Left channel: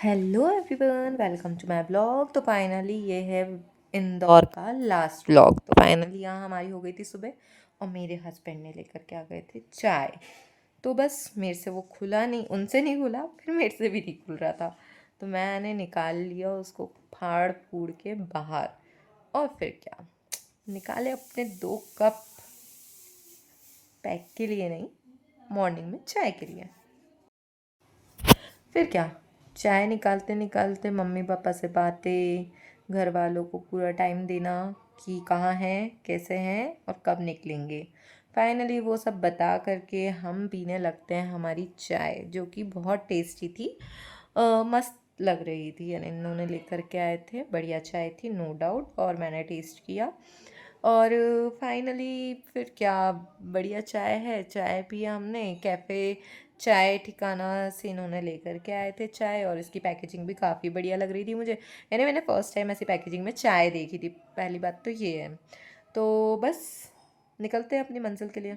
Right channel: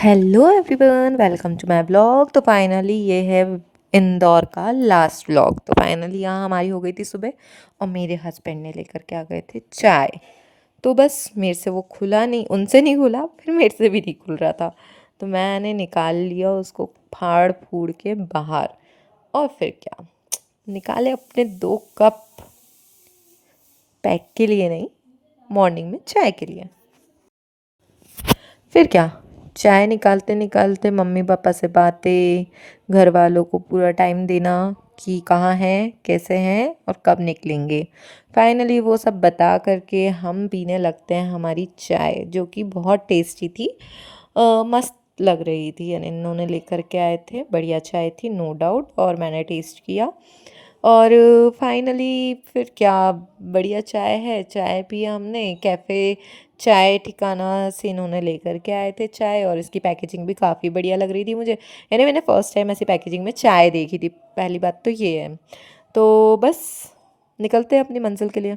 Hello everyone, welcome to my blog. तो finally ये है इंदौर का लास्ट ब्लॉग। तो फाइनली यहाँ हमारी हो गई थी सुबह और मेरे हस्बैंड ने लेकर के आ गए थे चाय। तो बस मेरे से वो खुला नहीं, उनसे नहीं खुला, फिर मेरे से भी नहीं खुल रहा था। तो मैंने निकाल लिया उसको फाड़ फूड़ के बाहर। और फिर क्या, निकाले अपने 2 कप, पैक के लिए नहीं, मॉर्निंग में चाय के लिए। फिर क्या, चाय निकालते निकालते मम्मी पापा से बातें, घर वालों को पूरा टाइम देना कि कहाँ हैं, कैसे हैं और कब निकलेंगे। फाइनली वो सब बता करके हम पीने लगते हैं हमारी चाय, जो कि बहुत टेस्टी थी। मस्त लग रही थी, यानी इन्होंने लेकर के आए थे, बढ़िया चाय थी नो डाउट, और मैंने टेस्ट किया। और फाइनली फिर क्या, बढ़िया चाय है, चाय पिया हमने। कैफ़े चाय ठिकाना से इन्होंने लेकर के आए थे चाय, और इसकी पैकेजिंग भी काफ़ी बढ़िया लग रही थी मुझे। यानी मैंने फ़र्स्ट टाइम ऐसी पैकेजिंग में चाय देखी थी, पहली बात तो ये है। तो बस निकलते हैं अपनी मंजिल के लिए।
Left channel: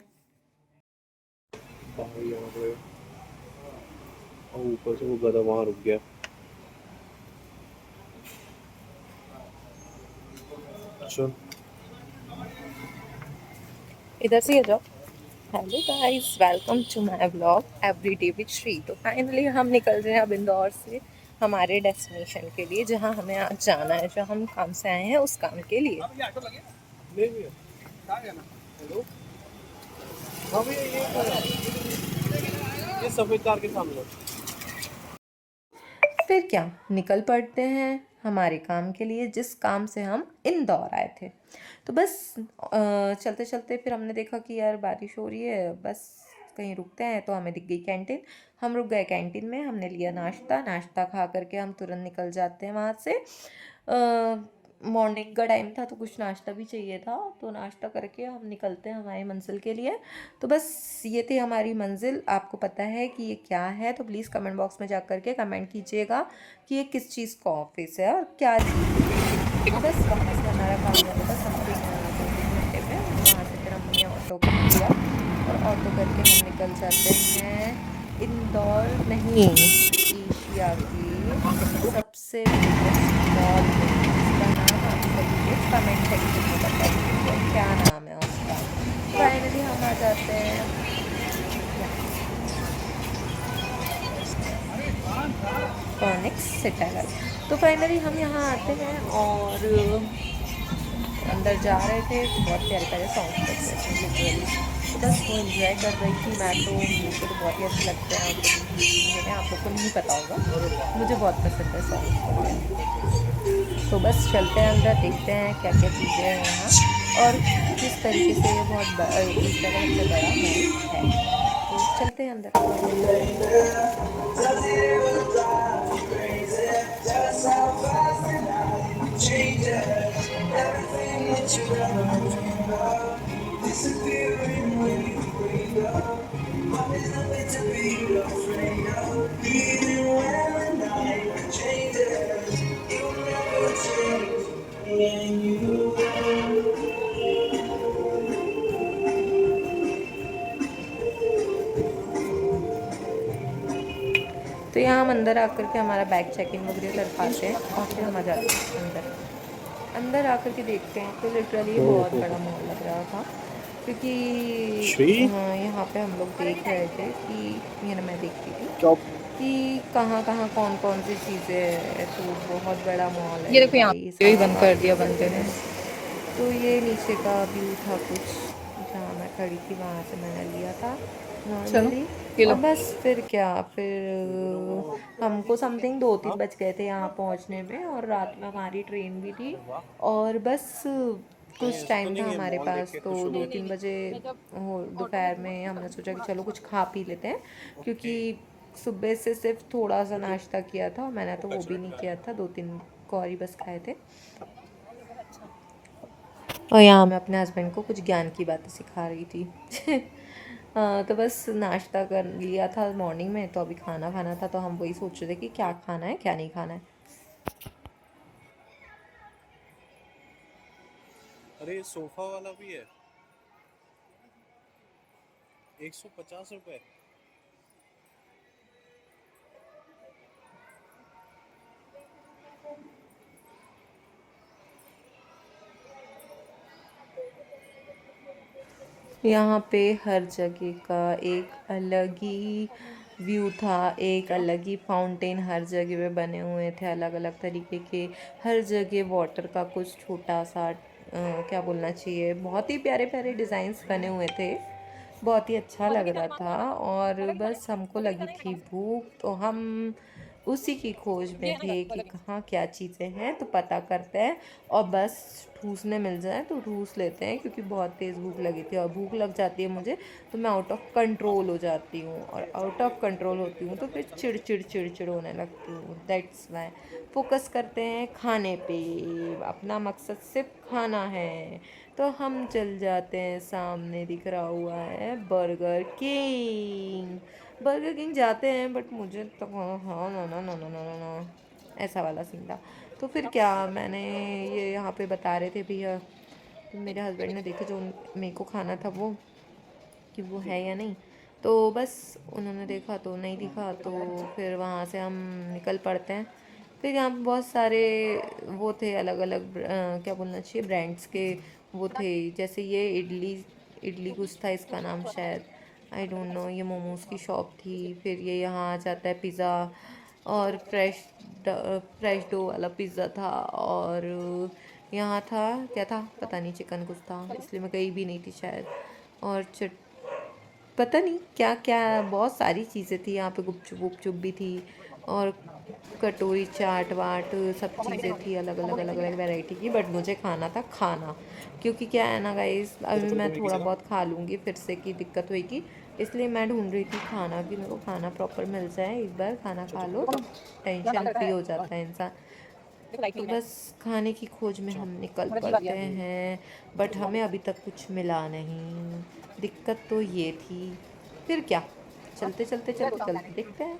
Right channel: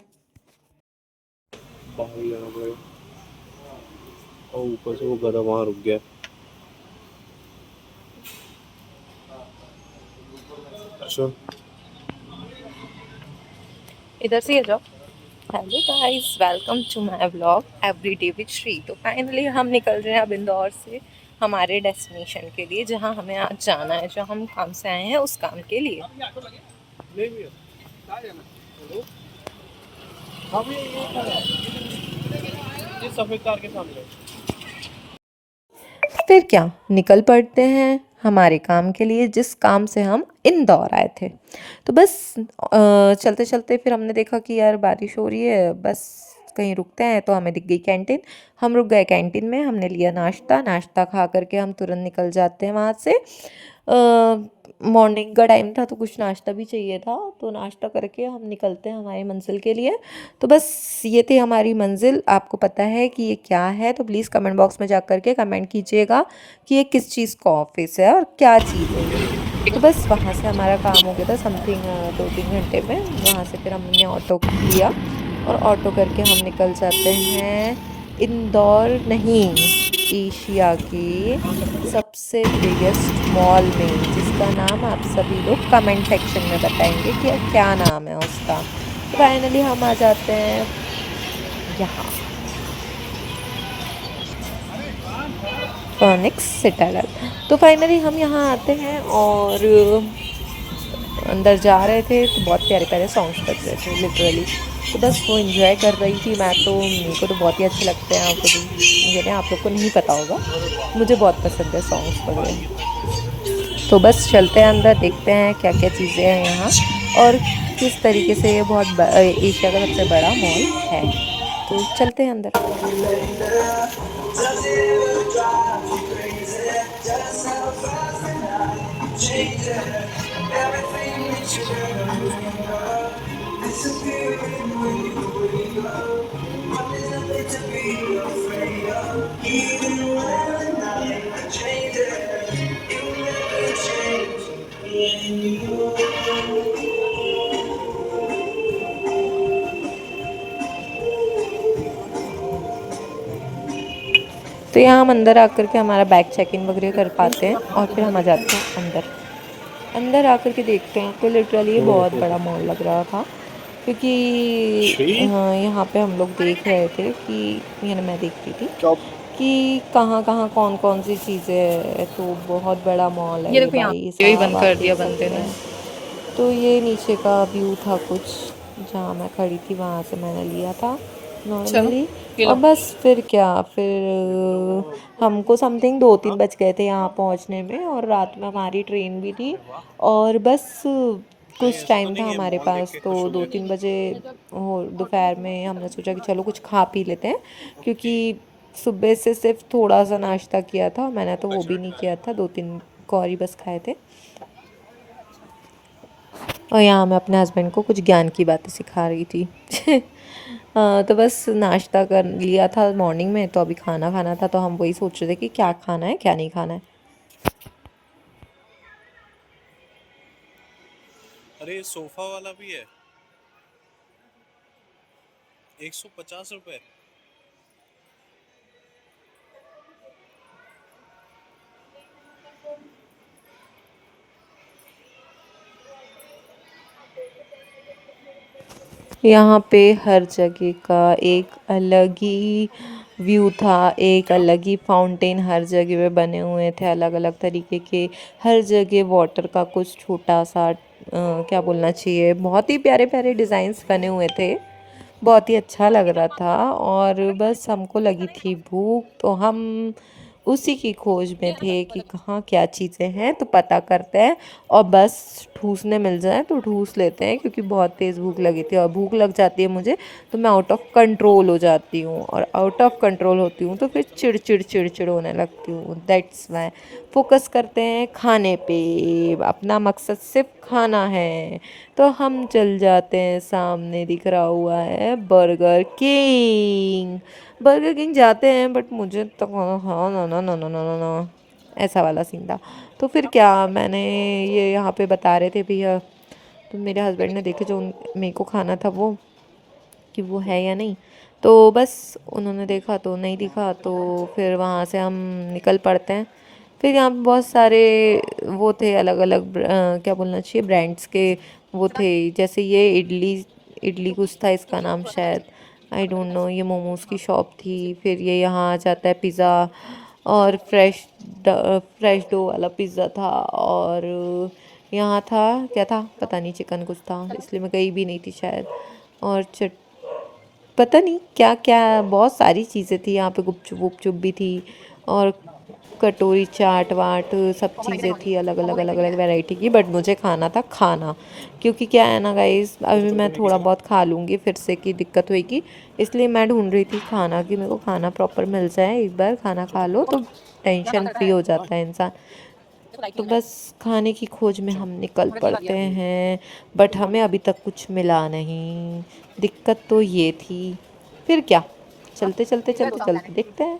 बाहर यहाँ पे और ऊपर से वो गधा वहां रुक गया। अच्छा। इधर से आ जाओ। Hello guys, welcome to my vlog every day with Shri. तो फाइनली हम निकल रहे हैं अब इंदौर से हमारे डेस्टिनेशन के लिए, जहां हमें आज जाना है, जो हम काम से आए हैं उस काम के लिए। नहीं भैया, कहाँ जाना? हेलो। हाँ भैया, ये खड़ा है, ये सफेद कार के सामने। फिर क्या, निकल पड़ते हैं हमारे काम के लिए, जिस काम से हम इंदौर आए थे। तो बस चलते चलते फिर हमने देखा कि यार बारिश हो रही है, बस कहीं रुकते हैं। तो हमें दिख गई कैंटीन, हम रुक गए कैंटीन में। हमने लिया नाश्ता, नाश्ता खा करके हम तुरंत निकल जाते हैं वहाँ से। मॉर्निंग का टाइम था तो कुछ नाश्ता भी चाहिए था, तो नाश्ता करके हम निकलते हैं हमारी मंजिल के लिए। तो बस ये थी हमारी मंजिल। आपको पता है कि ये क्या है तो प्लीज़ कमेंट बॉक्स में जा करके कमेंट कीजिएगा कि ये किस चीज़ का ऑफिस है और क्या चीज़ है ये। तो बस वहाँ से हमारा काम हो गया था समथिंग 2-3 घंटे में। वहाँ से फिर हमने ऑटो लिया और ऑटो करके हम निकल जाते हैं इंदौर नहीं, एशिया के सबसे बिगेस्ट मॉल में, जिसका नाम आप सभी लोग कमेंट सेक्शन में बताएंगे कि क्या नाम है उसका। तो फाइनली हम आ जाते हैं यहाँ, फोनिक्स सिटाडल। तो फाइनली हम यहाँ आते हैं और अंदर जा रहे थे तो बहुत प्यारे प्यारे सॉन्ग्स बज रहे थे लिटरली। तो बस वो इन्जॉय कर रही थी मैं। तो मेरे को तो बहुत ही अच्छे लगते हैं, आपको यानी आप लोग को नहीं पता होगा, मुझे बहुत पसंद है सॉन्ग्स वगैरह। तो बस चलते हैं अंदर, देखते हैं क्या क्या चीज़ें हैं यहाँ और किस तरीके से ये बहुत एशिया का सबसे बड़ा मॉल है। तो चलते हैं अंदर। तो यहाँ हम अंदर आकर के हमारा बैग चेक इन वगैरह कर पाते हैं और फिर हम आ जाते हैं अंदर। अंदर आकर के देखते हैं तो लिटरली कौन बहुत है बड़ा तो? मॉल लग रहा था, क्योंकि श्री यहाँ पे हम लोग देख रहे थे कि, यानी मैं देख रही थी चौप। कि कहाँ कहाँ कौन कौन सी चीज़ें है। तो बहुत बड़ा मॉल है ये ये देखो, यहाँ भाई यही साहब, बंद आप कर देख दिया बंदे सकते ने। हैं। तो ये नीचे का व्यू था कुछ, जहाँ मैं खड़ी थी वहाँ से मैंने लिया था चलो नॉर्मली। ये लो। और बस फिर क्या, फिर हमको समथिंग 2-3 बज गए थे यहाँ पहुँचने में, और रात में हमारी ट्रेन भी थी। और बस नहीं, कुछ ऐसा तो टाइम था नहीं है, हमारे मॉल देख पास, के तो खुश हो दो गए। तीन बजे हो दोपहर में हमने सोचा कि चलो कुछ खा पी लेते हैं, क्योंकि सुबह से सिर्फ थोड़ा सा नाश्ता किया था, मैंने तो वो भी नहीं किया था, 2-3 कौरी बस खाए थे। और यहाँ मैं अपने हस्बैंड को कुछ ज्ञान की बातें सिखा रही थी। तो बस नाश्ता कर लिया था मॉर्निंग में, तो अभी खाना खाना था, तो हम वही सोच रहे थे कि क्या खाना है क्या नहीं खाना है। अरे ये सोफा वाला भी है, 150 रुपए। यहाँ पे हर जगह का एक अलग ही व्यू था, एक अलग ही फाउंटेन हर जगह पे बने हुए थे अलग अलग तरीके के। हर जगह वाटर का कुछ छोटा सा क्या बोलना चाहिए, बहुत ही प्यारे प्यारे डिज़ाइंस बने हुए थे। बहुत ही अच्छा लग रहा था। और बस हमको लगी थी भूख, तो हम उसी की खोज में थे कि कहाँ क्या चीज़ें हैं, तो पता करते हैं और बस ठूसने मिल जाए तो ठूस लेते हैं, क्योंकि बहुत तेज़ भूख लगी थी। और भूख लग जाती है मुझे तो मैं आउट ऑफ कंट्रोल हो जाती हूँ, और आउट ऑफ कंट्रोल होती हूँ तो फिर चिड़चिड़ चिड़चिड़ होने लगती हूँ। दैट्स वाई फोकस करते हैं खाने पे, अपना मकसद सिर्फ खाना है। तो हम चल जाते हैं, सामने दिख रहा हुआ है बर्गर किंग। बर्गर किंग जाते हैं, बट मुझे तो हाँ ना ना ना ना ना ना ना, ऐसा वाला सीन था। तो फिर क्या, मैंने ये यहाँ पे बता रहे थे भैया, तो मेरे हस्बैंड ने देखे जो मेरे को खाना था वो, कि वो है या नहीं। तो बस उन्होंने देखा तो नहीं दिखा, तो फिर वहाँ से हम निकल पड़ते हैं। फिर यहाँ पे बहुत सारे वो थे अलग अलग क्या बोलना चाहिए, ब्रांड्स के वो थे। जैसे ये इडली, इडली कुछ था इसका नाम शायद, आई डोंट नो। ये मोमोज़ की शॉप थी। फिर ये यहाँ आ जाता है पिज़्ज़ा, और फ्रेश डो वाला पिज़्ज़ा था। और यहाँ था, क्या था पता नहीं, चिकन कुछ था, इसलिए मैं गई भी नहीं थी शायद। और पता नहीं क्या क्या, बहुत सारी चीज़ें थी यहाँ पे, गुपचुप वुपचुप भी थी, और कटोरी चाट वाट सब चीज़ें थी अलग अलग अलग अलग वैरायटी की। बट मुझे खाना था खाना, क्योंकि क्या है ना गाइस, अभी मैं थोड़ा बहुत खा लूँगी फिर से की दिक्कत होगी, इसलिए मैं ढूंढ रही थी खाना, कि मेरे को खाना प्रॉपर मिल जाए। एक बार खाना खा लो तो टेंशन फ्री हो जाता है इंसान। तो बस खाने की खोज में हम निकल पड़ते हैं, बट हमें अभी तक कुछ मिला नहीं। दिक्कत तो ये थी। फिर क्या, चलते चलते चलते चलते देखते हैं।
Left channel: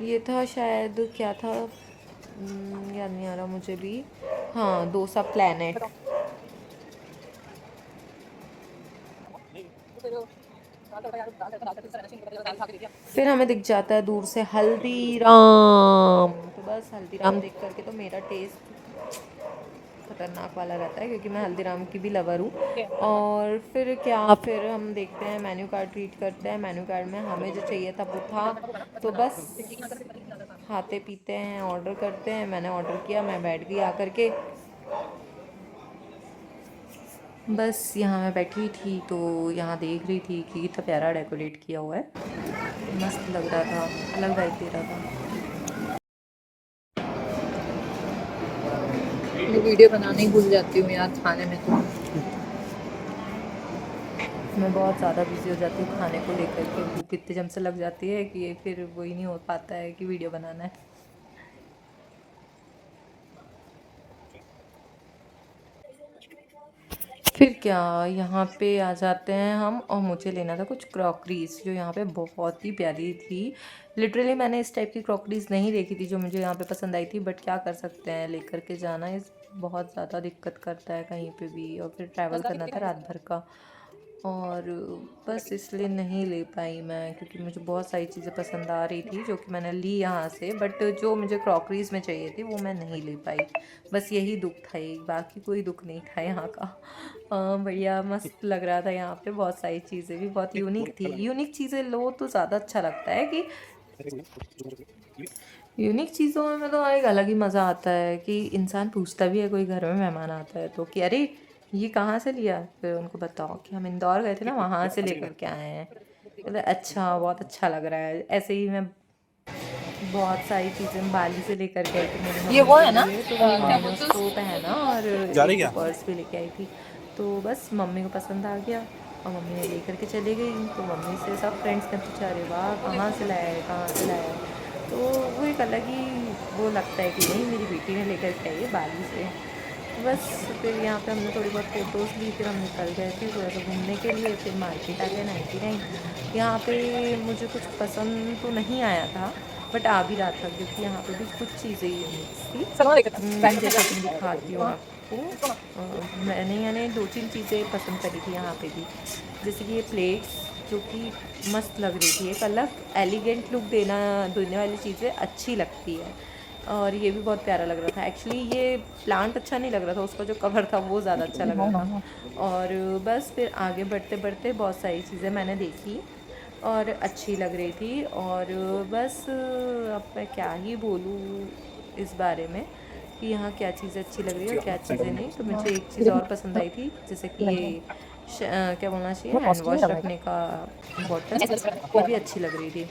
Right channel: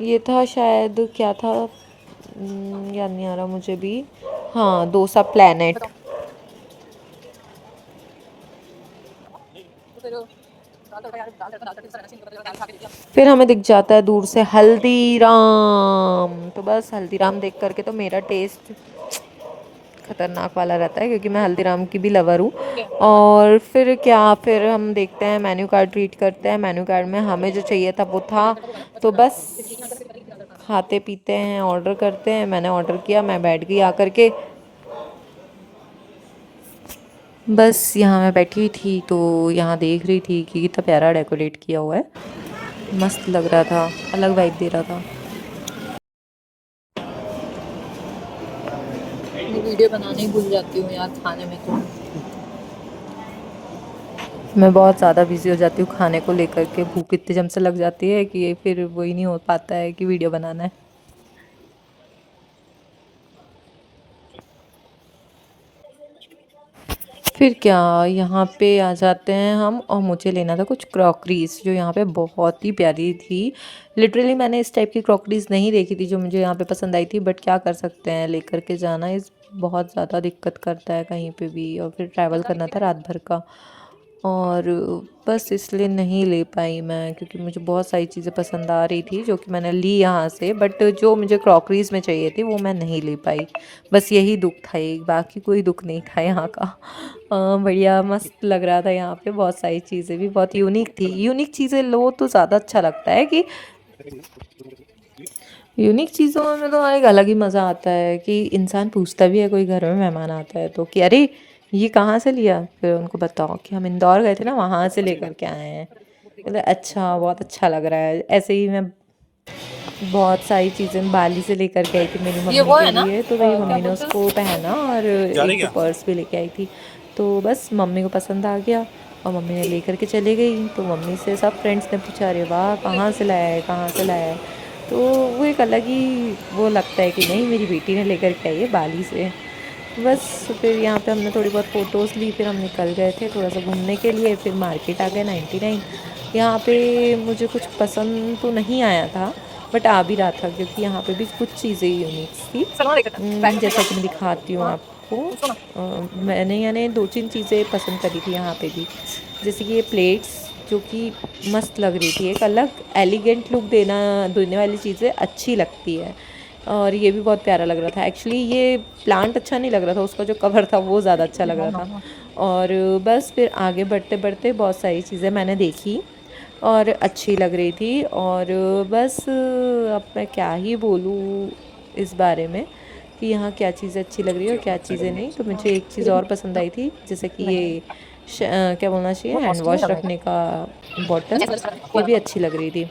ये था शायद, क्या था, याद नहीं आ रहा मुझे भी। हाँ, डोसा प्लैनेट। फिर हमें दिख जाता है दूर से हल्दीराम। तो बस हल्दीराम देख करके तो मेरा टेस्ट खतरनाक वाला रहता है, क्योंकि मैं हल्दीराम की भी लवर हूँ। और फिर क्या, फिर हम देखते हैं मेन्यू कार्ड, रीड करते हैं मेन्यू कार्ड में हमें जो चाहिए था वो था। तो बस खाते पीते हैं, ऑर्डर करते हैं। मैंने ऑर्डर किया, मैं बैठ गई आकर के। बस यहाँ मैं बैठी हुई थी, तो यहाँ देख रही थी कि कितना प्यारा डेकोरेट किया हुआ है, मस्त लग रहा था, अलग वाइब दे रहा था। मैं वीडियो बनाना ही भूल जाती हूँ यार खाने में, तो मैं बहुत ज़्यादा बिजी हो जाती हूँ खाने को लेकर के। भूख इतनी जम से लग जाती है कि फिर वही नहीं हो पाता है कि वीडियो बनाना है। फिर क्या, यहाँ पे आ जाते हैं हम, और मुझे लेना था कुछ क्रॉकरीज, जो यहाँ पे बहुत ही प्यारी थी। लिटरली मैंने इस टाइप की क्रॉकरीज नहीं देखी थी जो मुझे यहाँ पे पसंद आई थी, बट क्या कर सकते हैं, लेकर के जाना इस बहुत ज़्यादा दिक्कत करता है कहीं पे भी, और फिर ट्रैवल करना था रात भर का। और बस इसलिए नहीं ले पाई मैं, क्योंकि मुझे बहुत सारी चीज़ें पसंद आ रही थी जो कि मैंने ली यहाँ से, बट जो मुझे क्रॉकरीज में चाहिए थी वो मैं नहीं ले पाई। बस यही दुख था एक, बाकी कोई दुख नहीं था यहाँ का। बढ़िया मस्त लग रहा था यहाँ पे, बहुत सारी चीज़ें भी बहुत यूनिक थी। यूनिक चीज़ें लो तो ज़्यादा अच्छा लगता है, कि यूनिक चीज़ों में तो एक अलग ही मज़ा आता है, कि इंसान पूछता भी है, कोई घर में मेहमान आता है तो, कि अरे ये कहाँ से लिया, फिर उनको बताओ कि हम इंदौर गए थे ना, वहाँ से लेकर के आए हैं। कहते अच्छा, बहुत अच्छा लग रहा है। ऐसे ही मैं बहुत सारी चीज़ें बाली से लेकर के आई थी मेरी मम्मी के लिए, तो वही मम्मी ने उसको पहना, और जा रही एक क्या? पर्स भी लेके आई थी। तो बस मम्मी को पसंद आ गया, और मम्मी ने लेकर के चली गई। तो मम्मी से सब फ्रेंड्स ने पूछा, अरे वाह कहाँ से लाया है, कहाँ से लाया है। तो वो एक अलग ही वो लगता है कि नहीं, मेरी बेटी ने लेकर के आई है बाली से। तो बस फिर यहाँ पे हमने थोड़ी बहुत फ़ोटोज़ ली, फिर हम निकल गए थे थोड़ा सा घूमने के लिए। फिर मार्केट आ गए 99। यहाँ पे मुझे कुछ पसंद तो नहीं आया था, बट आ भी रहा था, क्योंकि यहाँ पे भी कुछ चीज़ें यूनिक थी। जैसा कि मैं दिखाती हूँ आपको। मैंने यानी दो तीन चीज़ें पसंद करी थी यहाँ पे भी, जैसे कि ये प्लेट्स, जो कि मस्त लग रही थी, एक अलग एलिगेंट लुक देने वाली चीज़ें अच्छी लगती है। और ये भी बहुत प्यारा लग रहा था। एक्चुअली ये प्लांट अच्छा नहीं लग रहा था, उसका जो कवर था वो ज़्यादा अच्छा लग रहा था। और बस फिर आगे बढ़ते बढ़ते बहुत सारी चीज़ें मैंने देखी और अच्छी लग रही थी। और बस अब मैं क्या ही बोलूँ इस बारे में कि यहाँ क्या चीज़ें अच्छी लग रही है और क्या चीज़ें नहीं। तो मुझे एक चीज़ और पसंद आई थी, जैसे कि ये क्या बोलना चाहिए, हैंड वॉश रखने का बॉटल, ये भी अच्छी लग रही थी।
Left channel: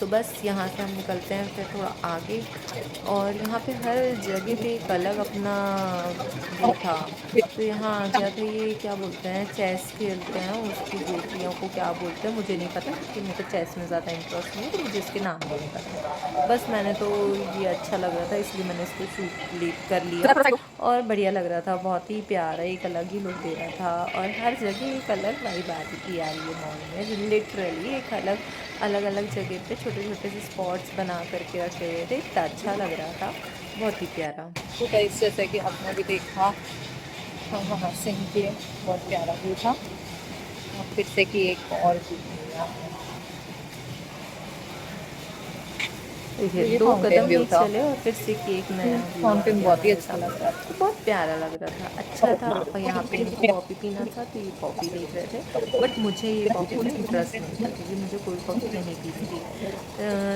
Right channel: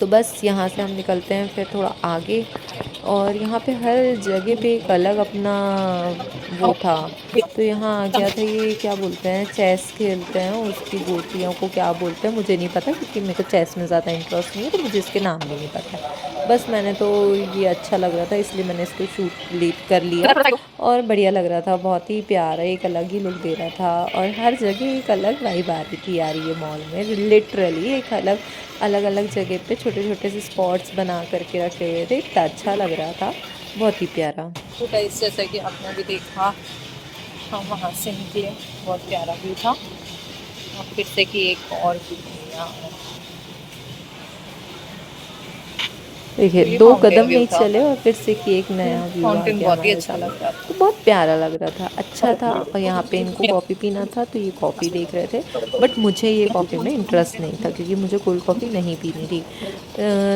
तो बस यहाँ से हम निकलते हैं फिर थोड़ा आगे। और यहाँ पे हर जगह पे एक अलग अपना वो था। तो यहाँ आ गया था, ये क्या बोलते हैं, चेस खेलते हैं, उसकी गोटियों को क्या बोलते हैं मुझे नहीं पता, क्योंकि मेरे को चेस में ज़्यादा इंटरेस्ट नहीं है, तो मुझे इसके नाम भी नहीं पता। बस मैंने तो ये अच्छा लग रहा था इसलिए मैंने इसको शूट कर लिया। और बढ़िया लग रहा था, बहुत ही प्यारा, एक अलग ही लुक दे रहा था। और हर जगह एक अलग वाइब आ रही थी यार, ये मॉल में लिटरली एक अलग अलग अलग जगह पे छोटे छोटे से स्पॉट्स बना करके रखे गए थे। इतना अच्छा लग रहा था, बहुत ही प्यारा। तो गाइस जैसा कि आपने भी देखा, हम वहाँ से निकले, बहुत प्यारा व्यू था। और फिर से कि एक और व्यू यहाँ देखिए, तो ये 2 फाउंटेन कदम व्यू नहीं था। चले और फिर से कि एक नया व्यू आ फाउंटेन गया बहुत ही हमारे अच्छा सामने। लग रहा था। तो बहुत प्यारा लग रहा था, अच्छा था। और यहाँ पे इनको कॉफ़ी पीना था तो ये कॉफ़ी देख रहे थे, बट मुझे ये कॉफ़ी में इंटरेस्ट नहीं था क्योंकि मुझे कोल्ड कॉफ़ी नहीं पीनी थी।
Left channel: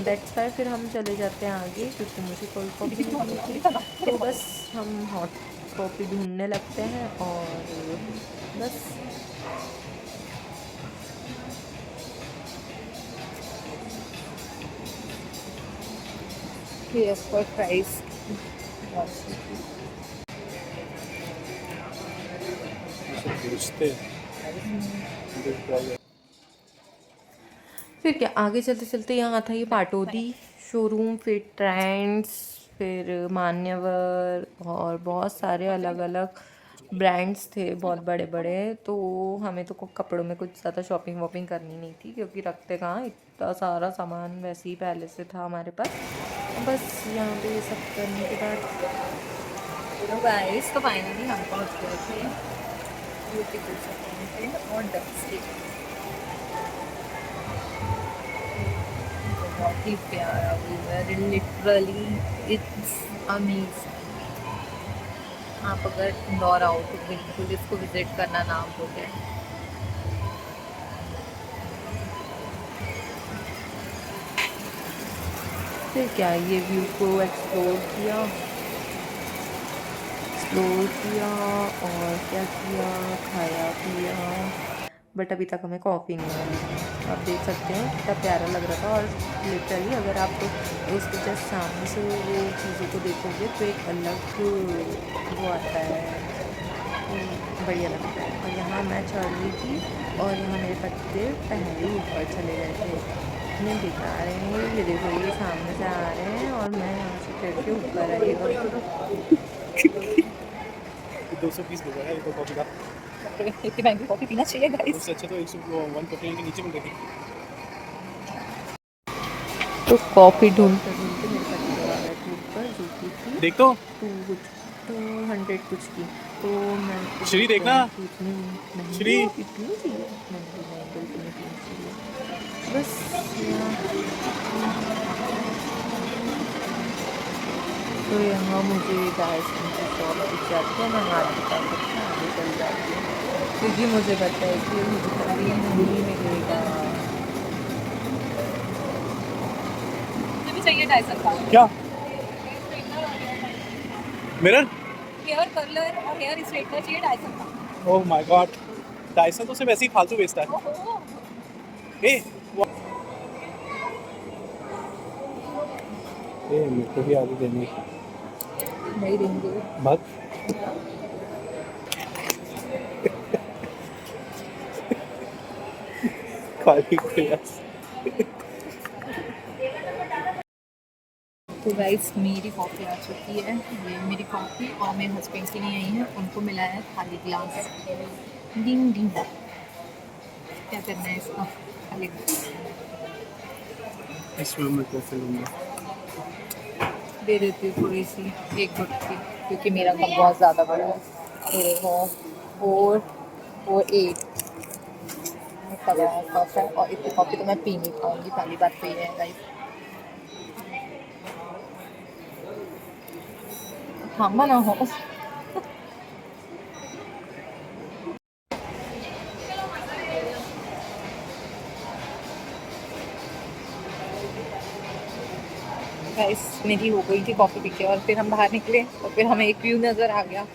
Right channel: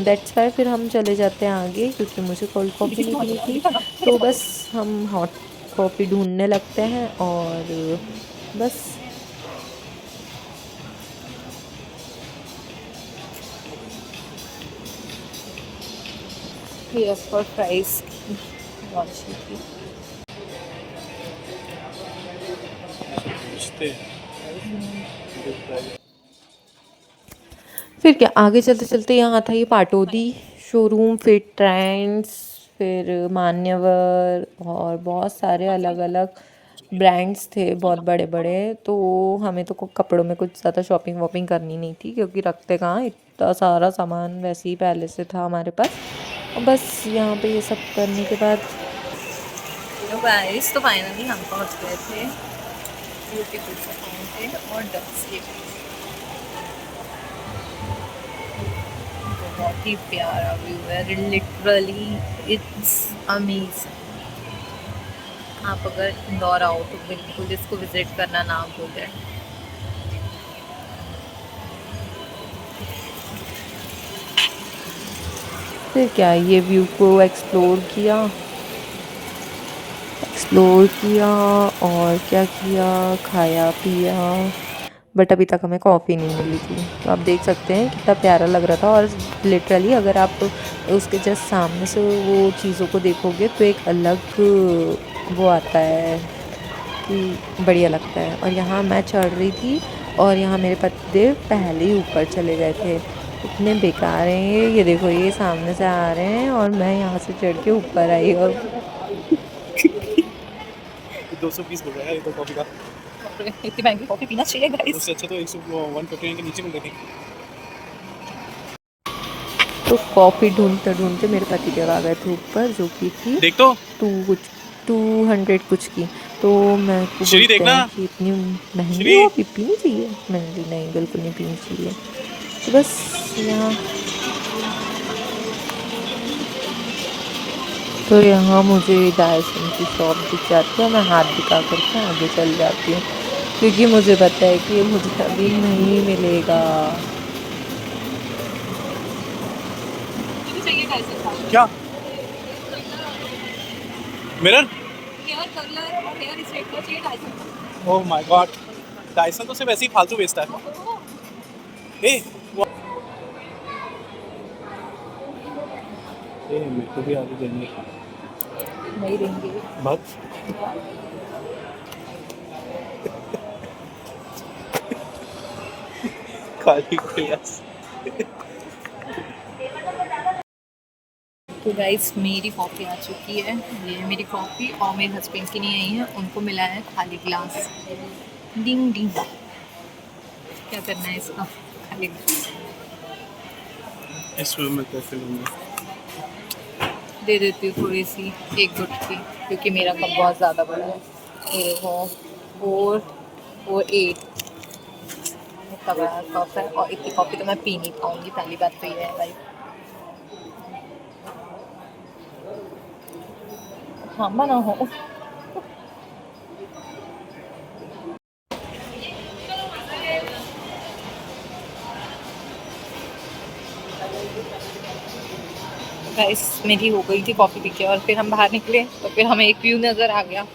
दैट्स वाई फिर हम चले जाते हैं आगे, क्योंकि मुझे कोल्ड कॉफ़ी नहीं पीनी थी। तो बस हम हॉट कॉफ़ी ढूंढने लगते हैं और बस। यस फॉर फ्राइज बहुत अच्छी थी। पूछते फिर क्या, आगे चलते चलते यहाँ था ये पाटोदी शोरूम, फिर ट्रेंड्स, फिर मान्यवर, और बहुत सारे अलग अलग ब्रांड्स थे, बहुत बड़े बड़े। तो हमें तो कपड़ों में कुछ ज़्यादा शॉपिंग वॉपिंग करनी नहीं थी, क्योंकि रखते कहाँ, इतना सारा सामान वैसे ही पहले से था हमारे पास। और बस यहाँ पे ये सब करने के बाद तो गाइस तो फाइनली हम पहुँच गए थे ब्यूटीफुल सा फाउंटेन और डक्स लेक। बहुत ही प्यारा व्यू है, लिटरली इट्स अमेजिंग। आप अगर इंदौर आओ तो बिल्कुल इसको विजिट करना ना भूलें। फिर क्या, ये व्यू को एक्सप्लोर किया और क्या किया, खाया पिया। बट अभी तक हमें कॉफ़ी नहीं मिली थी। तो आप देख सकते हैं कितना प्यारा लग रहा था। और लिटरली अगर आप उसके जस्ट सामने से वो चीज़ों को देखोगे तो एक अलग वो आता है कि बढ़िया लगता है। और यहाँ मैं चढ़ रही थी और यहाँ मेरे पतिदेव पहले ही ऊपर चले गए थे। इतने बेकार हैं ये देखो, ये सामने से आ रहे हैं और मैं यहाँ से चढ़ के ऊपर आई। और 220 हो गया है ये तो कॉफी का। इतनी महंगी कॉफी पीना चाहिए गाइस। उससे अच्छा तो 149 के नीचे मिल रही थी। तो कॉफ़ी ढूंढते ढूंढते मेरे पतिदेव आ गए थे ऊपर, जो कि थी देख तो 200 कुछ की। तो मेरे को श्री बोलते देखना। हैं कि इतनी महंगी श्री कॉफ़ी पीनी चाहिए। मैंने बोली नहीं, बिल्कुल नहीं पीनी चाहिए। तो बस यहाँ, तो यहाँ मुझे डायसन की शॉप दिख जाती है, मैं हाथ दिखा करके आगे चल जाती हूँ, क्योंकि मुझे पता है कि ये मुझे कभी नहीं मिलेगा। मुझे भी चाहिए डायसन का क्या मिरर। हेयर कर्लर और हेयर स्ट्रेटनर चाहिए डायसन का। ओह माय गॉड, डायसन तो सिर्फ ऐसे ही फालतू बेचता है। ओहो, ए मेरे को भी आगे देने नहीं देंगे। बहुत खाली गिलास। तो गाइस मेरी कॉफ़ी आ चुकी है। ये मेरी कॉफ़ी और मेरे हस्बैंड की नहीं आई है, उनको मिला है खाली गिलास। डिंग डिंग, क्या करना है इसका, खाली गिलास इस रूम में कॉफी लूंगा। दे देती हूँ थोड़ी सी, एक गुट की, क्योंकि मेरा कप बहुत ज़्यादा बड़ा है। मेरे को 4 इतना बड़ा कप है और इतनी कॉफ़ी तो मैं पी नहीं पाऊँगी, पहली बात तो ये है गाइस। थांबा ना हो. गाइस मेरी हो गई थी कॉफ़ी पी के और फिर हम बाहर निकले तो फिर हमें एक व्यू नज़र आ गया.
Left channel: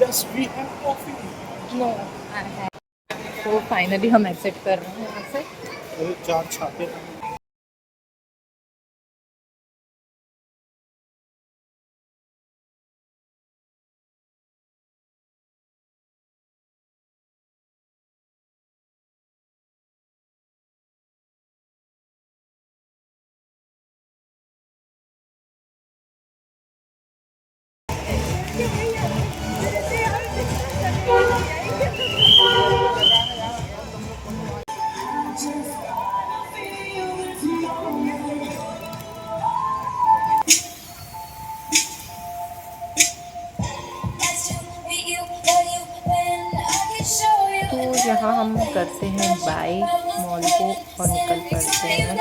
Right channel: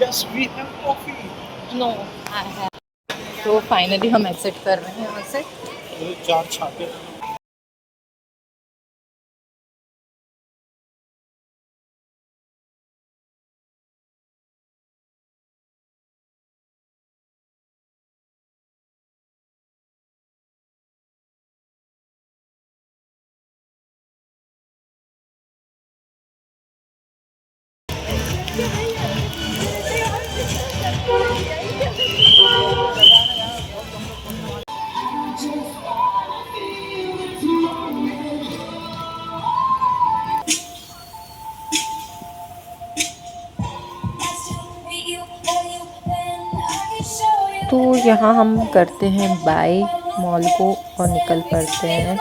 Yes, we have coffee. No आई है. तो फाइनली हम एग्जिट कर रहे हैं यहाँ से. ये 4 छापे. तो यहाँ हम करते हैं बाय मॉल को और निकल पड़ते हैं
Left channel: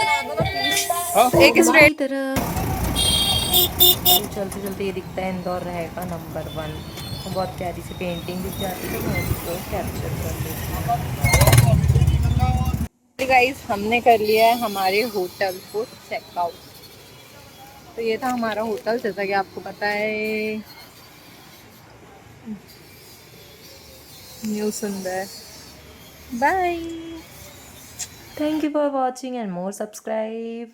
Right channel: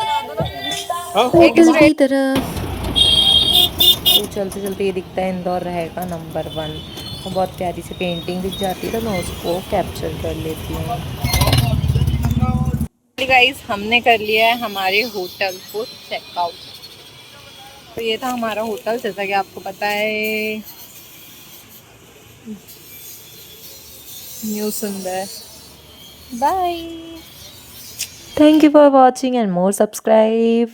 होटल की तरफ. तो चलते चलते ये दिखता है इंदौर रहेगा नंबर 1. और बहुत प्यारी सी पेंटिंग दिख जाती है तो मैं उसको कैप्चर कर लेती हूँ. गाइस हमने कर लिया है हमारे होटल को चेकआउट. तो ये था हमारा होटल जैसा कि आपको पता है. न्यू सुंदर. Bye. Thank you for watching and more subscribe.